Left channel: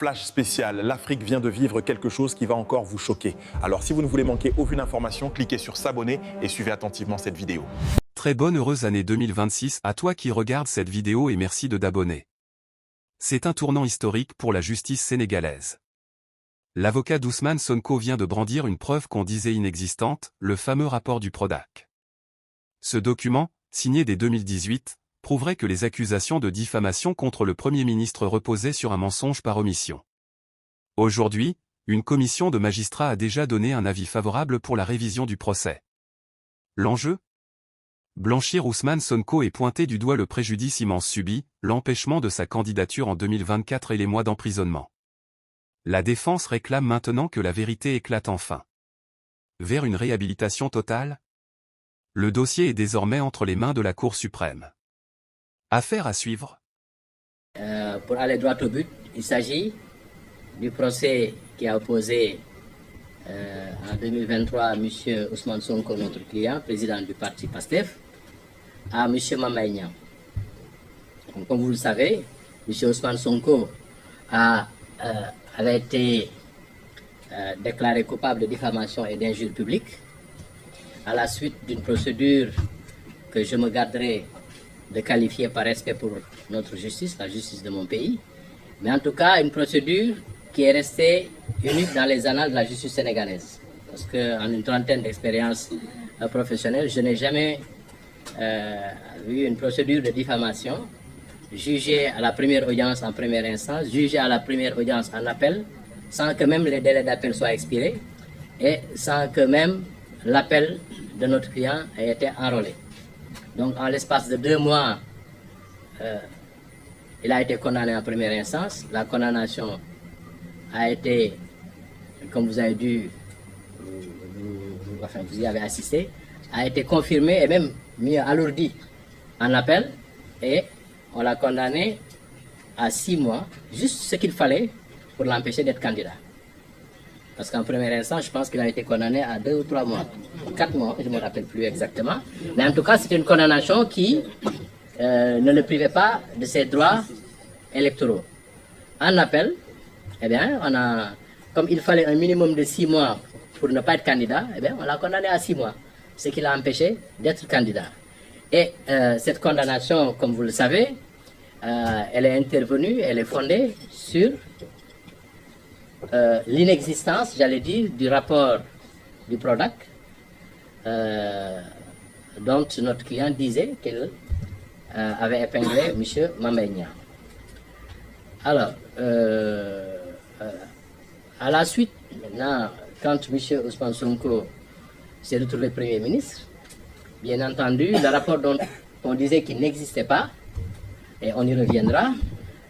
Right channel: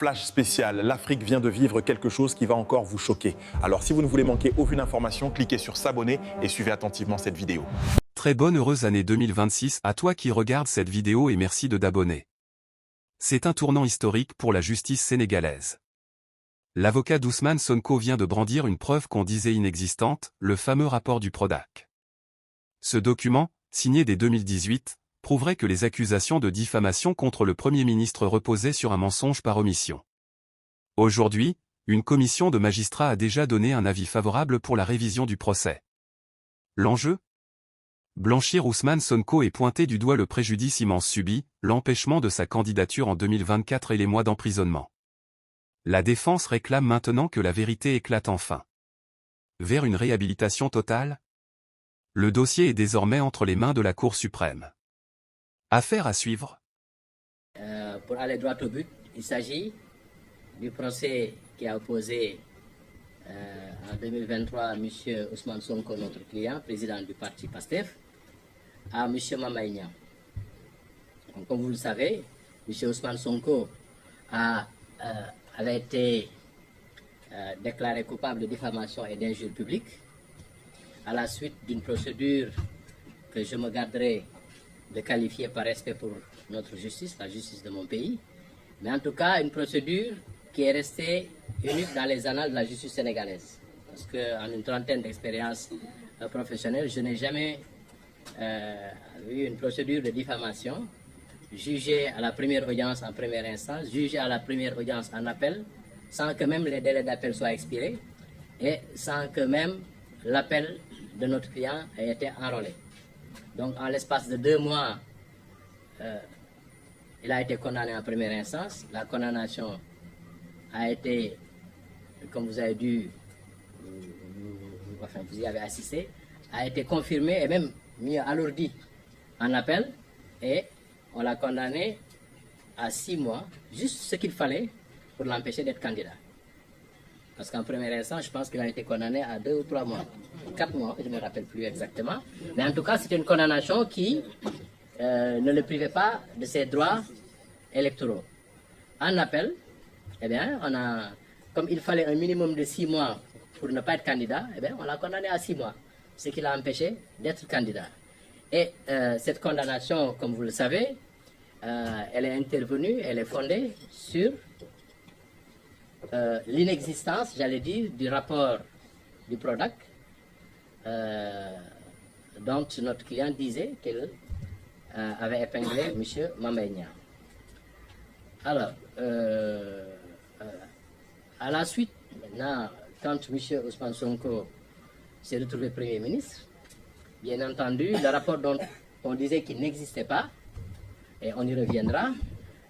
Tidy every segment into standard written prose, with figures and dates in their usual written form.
Flash spécial, l'Afrique vient de vivre quelque chose qui va encore vous choquer. Alors si vous ne voulez manquer aucune information, cliquez sur s'abonner et suivez attentivement cette vidéo. Très bonne heureuse année 2026 à toi qui regardes cette vidéo et merci de t'abonner. C'est un tournant historique pour la justice sénégalaise. L'avocat d'Ousmane Sonko vient de brandir une preuve qu'on disait inexistante, le fameux rapport du Prodac. Ce document, signé dès 2018, prouverait que les accusations de diffamation contre le Premier ministre reposaient sur un mensonge par omission. Aujourd'hui, une commission de magistrats a déjà donné un avis favorable pour la révision du procès. L'enjeu ? Blanchir Ousmane Sonko et pointer du doigt le préjudice immense subi, l'empêchement de sa candidature en 2024 et les mois d'emprisonnement. La défense réclame maintenant que la vérité éclate enfin. Vers une réhabilitation totale ? Le dossier est désormais entre les mains de la Cour suprême. Affaire à suivre. Pour aller droit au but, il s'agit du procès qui a opposé en 2023 M. Ousmane Sonko, notre client, président du parti PASTEF, à M. Mamaye Niang. Comme vous le savez, M. Ousmane Sonko avait été déclaré coupable de diffamation et d'injure publique à la suite d'une procédure que je me garderai de qualifier par respect pour notre justice, la justice de mon pays, mais en tout cas une procédure qui est restée unique dans les annales de la justice sénégalaise. Parce qu'en une trentaine d'expériences professionnelles, je n'ai jamais eu une procédure de diffamation jugée à la première audience en première instance, jugée à la première audience en appel, sans que même les délais d'appel soient expirés et sans que même l'appel de notre client ait été enrôlé. Donc en l'espace de 2 mois, il a été condamné en première instance. La condamnation a été, comme vous avez dû, vous y avez assisté, a été confirmée et même mieux alourdie en appel. Et on l'a condamné à 6 mois, juste ce qu'il fallait pour l'empêcher d'être candidat. Parce qu'en première instance, je pense qu'il a été condamné à 2 ou 3 mois, 4 mois, je ne me rappelle plus exactement. Mais en tout cas, c'était une condamnation qui ne le privait pas de ses droits électoraux. En appel, eh bien, comme il fallait un minimum de 6 mois pour ne pas être candidat, eh bien, on l'a condamné à 6 mois, ce qui l'a empêché d'être candidat. Et cette condamnation, comme vous le savez, elle est intervenue, elle est fondée sur l'inexistence, j'allais dire, du rapport du Prodac, dont notre client disait qu'il avait épinglé M. Mamaye Niang. Alors, à la suite, maintenant, quand M. Ousmane Sonko s'est retrouvé Premier ministre, bien entendu, le rapport dont on disait qu'il n'existait pas, et on y reviendra,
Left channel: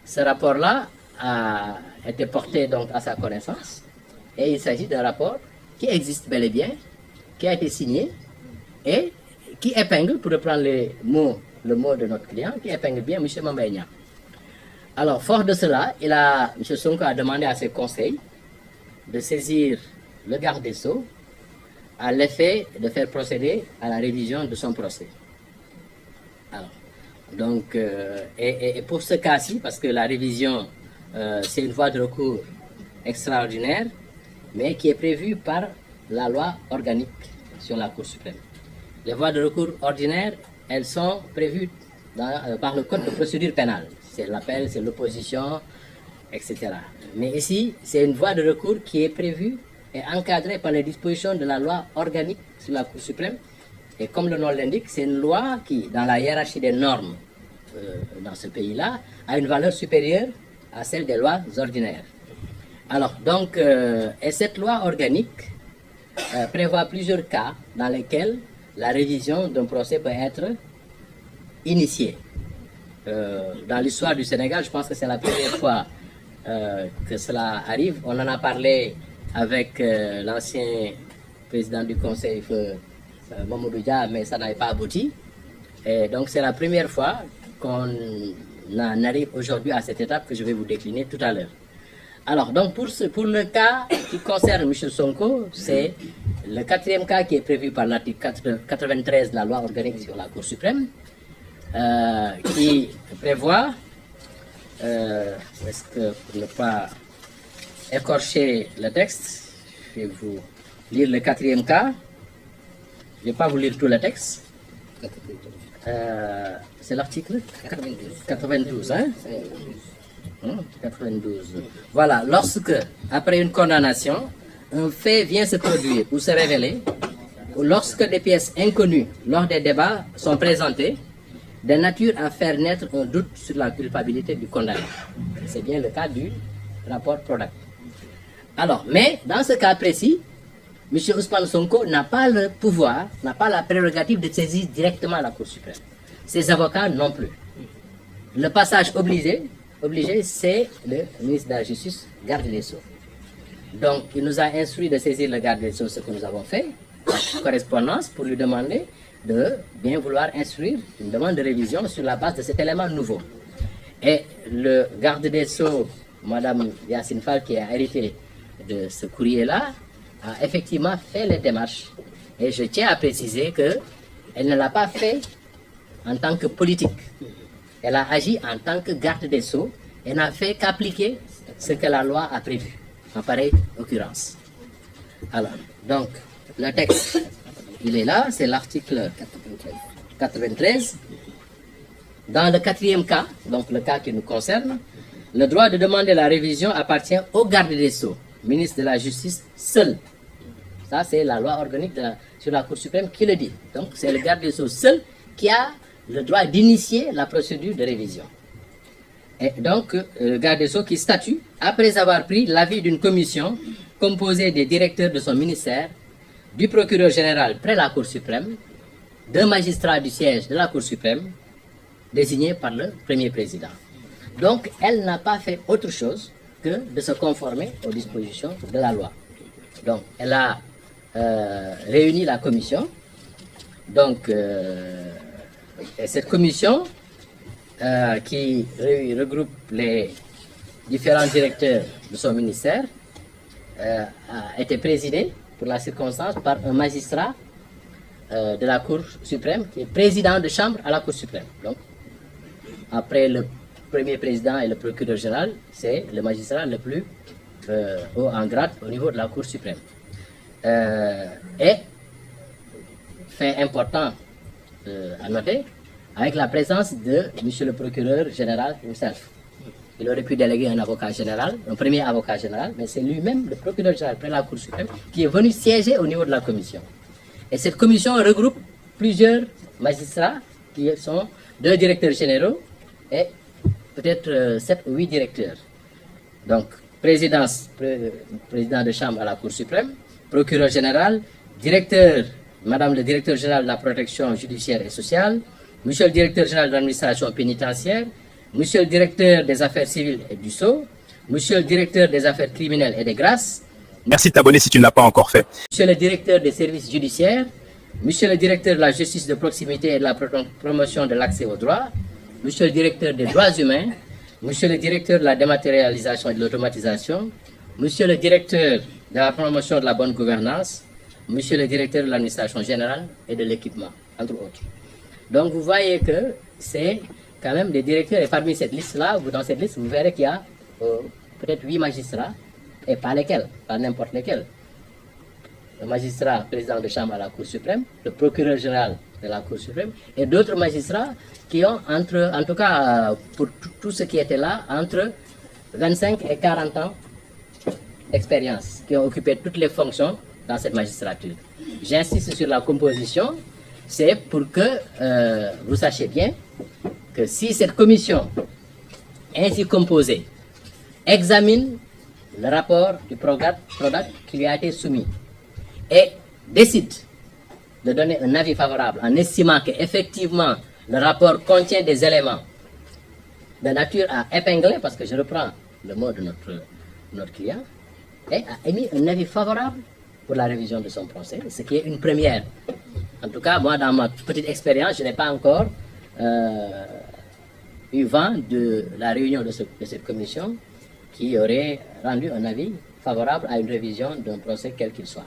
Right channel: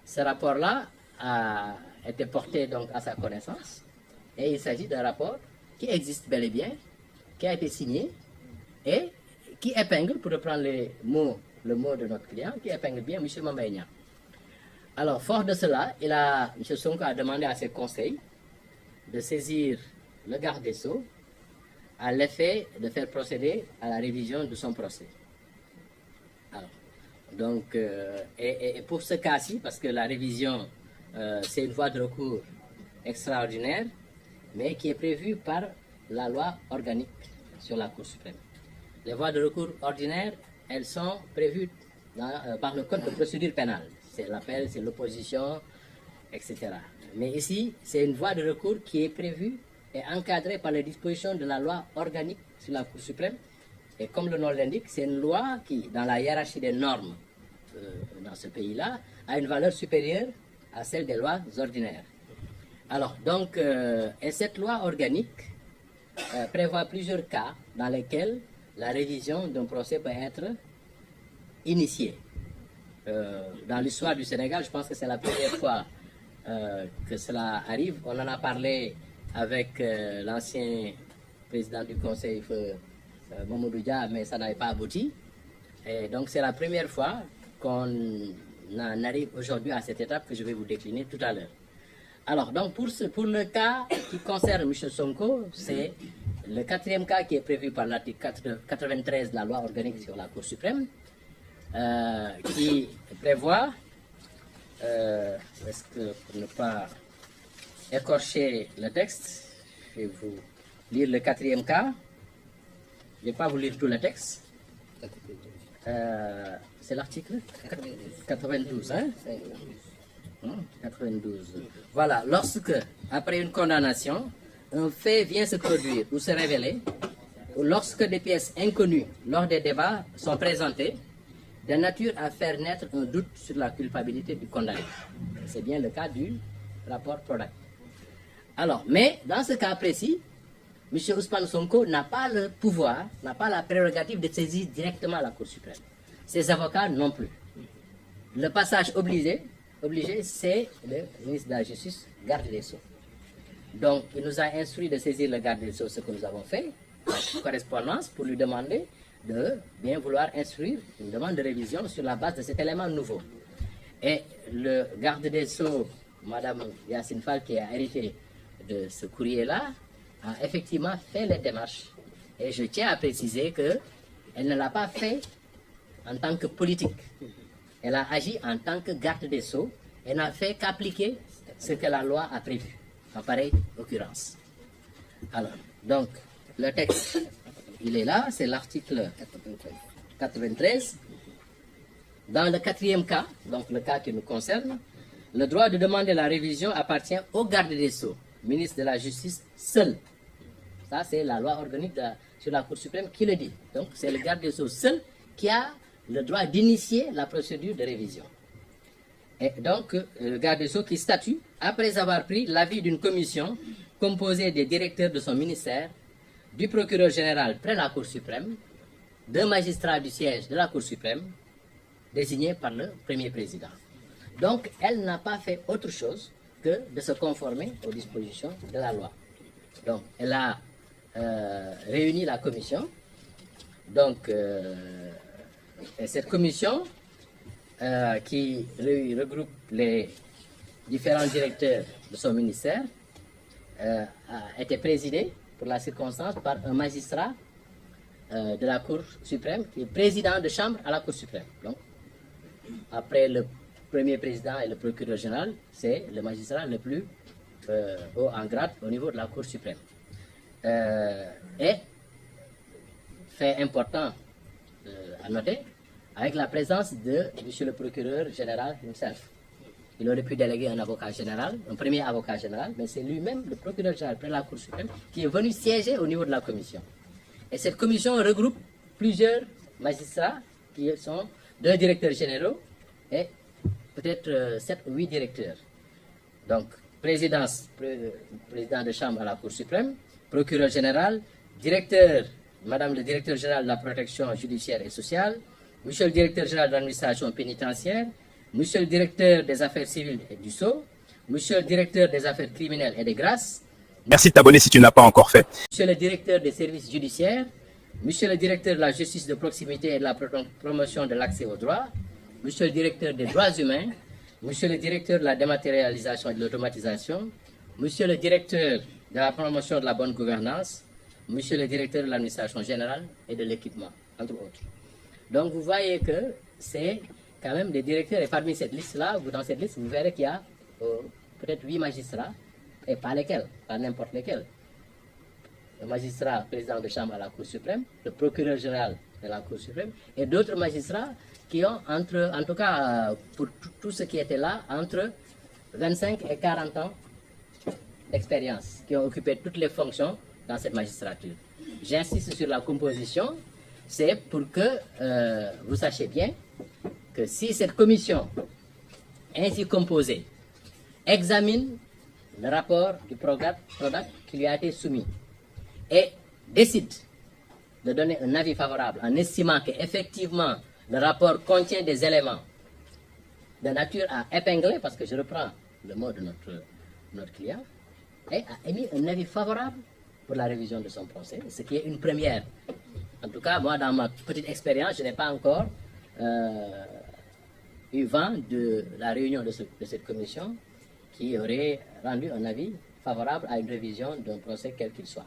ce rapport-là a été porté donc à sa connaissance, et il s'agit d'un rapport qui existe bel et bien, qui a été signé, et qui épingle, pour reprendre le mot de notre client, qui épingle bien M. Mamaye Niang. Alors, fort de cela, M. Sonko a demandé à ses conseils de saisir le garde des Sceaux à l'effet de faire procéder à la révision de son procès. Alors, donc, et pour ce cas-ci, parce que la révision, c'est une voie de recours extraordinaire, mais qui est prévue par la loi organique sur la Cour suprême. Les voies de recours ordinaires, elles sont prévues par le Code de procédure pénale. C'est l'appel, c'est l'opposition, etc. Mais ici, c'est une voie de recours qui est prévue et encadrée par les dispositions de la loi organique sur la Cour suprême. Et comme le nom l'indique, c'est une loi qui, dans la hiérarchie des normes dans ce pays-là, a une valeur supérieure à celle des lois ordinaires. Alors, donc, et cette loi organique prévoit plusieurs cas dans lesquels la révision d'un procès peut être initiée. Dans l'histoire du Sénégal, je pense que c'est la première fois que cela arrive. On en a parlé avec l'ancien président du Conseil, Mamadou Dia, mais ça n'avait pas abouti. Et donc c'est la première fois qu'on en arrive aujourd'hui à cette étape que je vais vous décliner tout à l'heure. Alors, donc pour le cas qui concerne M. Sonko, c'est le 4e cas qui est prévu par l'article 93 de la loi organique sur la Cour suprême, qui prévoit, est-ce que pour ne pas écorcher le texte. Je vais vous lire le 4e cas. Je ne vais pas vous lire tout le texte. C'est l'article 92. Hein? 92. Voilà, lorsque, après une condamnation, un fait vient se produire ou se révéler, ou lorsque des pièces inconnues lors des débats sont présentées, de nature à faire naître un doute sur la culpabilité du condamné. C'est bien le cas du rapport Prodac. Alors, mais dans ce cas précis, M. Ousmane Sonko n'a pas le pouvoir, n'a pas la prérogative de saisir directement la Cour suprême. Ses avocats non plus. Le passage obligé, c'est le ministre de la Justice, garde des Sceaux. Donc, il nous a instruit de saisir le garde des Sceaux, ce que nous avons fait, en correspondance, pour lui demander de bien vouloir instruire une demande de révision sur la base de cet élément nouveau. Et le garde des Sceaux, Mme Yacine Fall, qui a hérité de ce courrier-là, a effectivement fait les démarches. Et je tiens à préciser qu'elle ne l'a pas fait en tant que politique. Elle a agi en tant que garde des Sceaux et n'a fait qu'appliquer ce que la loi a prévu, en pareille occurrence. Alors, donc, le texte, il est là, c'est l'article 93. Dans le 4e cas, donc le cas qui nous concerne, le droit de demander la révision appartient au garde des Sceaux, ministre de la Justice seul. Ça, c'est la loi organique sur la Cour suprême qui le dit. Donc, c'est le garde des Sceaux seul qui a le droit d'initier la procédure de révision. Et donc, le garde des Sceaux qui statue, après avoir pris l'avis d'une commission composée des directeurs de son ministère, du procureur général près la Cour suprême, d'un magistrat du siège de la Cour suprême, désigné par le premier président. Donc, elle n'a pas fait autre chose que de se conformer aux dispositions de la loi. Donc, elle a réuni la commission. Donc, et cette commission qui regroupe les différents directeurs de son ministère a été présidée pour la circonstance par un magistrat de la Cour suprême qui est président de chambre à la Cour suprême. Donc, après le premier président et le procureur général, c'est le magistrat le plus haut en grade au niveau de la Cour suprême. Et, fait important à noter, avec la présence de M. le procureur général himself. Il aurait pu déléguer un avocat général, un premier avocat général, mais c'est lui-même, le procureur général près la Cour suprême, qui est venu siéger au niveau de la commission. Et cette commission regroupe plusieurs magistrats qui sont 2 directeurs généraux et peut-être 7 ou 8 directeurs. Donc, président de chambre à la Cour suprême, procureur général, directeur, madame le directeur général de la protection judiciaire et sociale, monsieur le directeur général de l'administration pénitentiaire, monsieur le directeur des affaires civiles et du Sceau, monsieur le directeur des affaires criminelles et des grâces. Merci de t'abonner si tu ne l'as pas encore fait. Monsieur le directeur des services judiciaires, monsieur le directeur de la justice de proximité et de la promotion de l'accès aux droits, monsieur le directeur des droits humains, monsieur le directeur de la dématérialisation et de l'automatisation, monsieur le directeur de la promotion de la bonne gouvernance, monsieur le directeur de l'administration générale et de l'équipement, entre autres. Donc vous voyez que c'est quand même des directeurs, et parmi cette liste-là, dans cette liste, vous verrez qu'il y a peut-être 8 magistrats, et pas lesquels, pas n'importe lesquels. Le magistrat président de chambre à la Cour suprême, le procureur général de la Cour suprême, et d'autres magistrats qui ont en tout cas pour tout ce qui était là, entre 25 et 40 ans d'expérience, qui ont occupé toutes les fonctions dans cette magistrature. J'insiste sur la composition, c'est pour que vous sachiez bien que si cette commission ainsi composée examine le rapport du Prodac qui lui a été soumis et décide de donner un avis favorable en estimant qu'effectivement le rapport contient des éléments de nature à épingler, parce que je reprends le mot de notre client, et a émis un avis favorable pour la révision de son procès, ce qui est une première. En tout cas, moi, dans ma petite expérience, je n'ai pas encore eu vent de la réunion de cette commission qui aurait rendu un avis favorable à une révision d'un procès quel qu'il soit.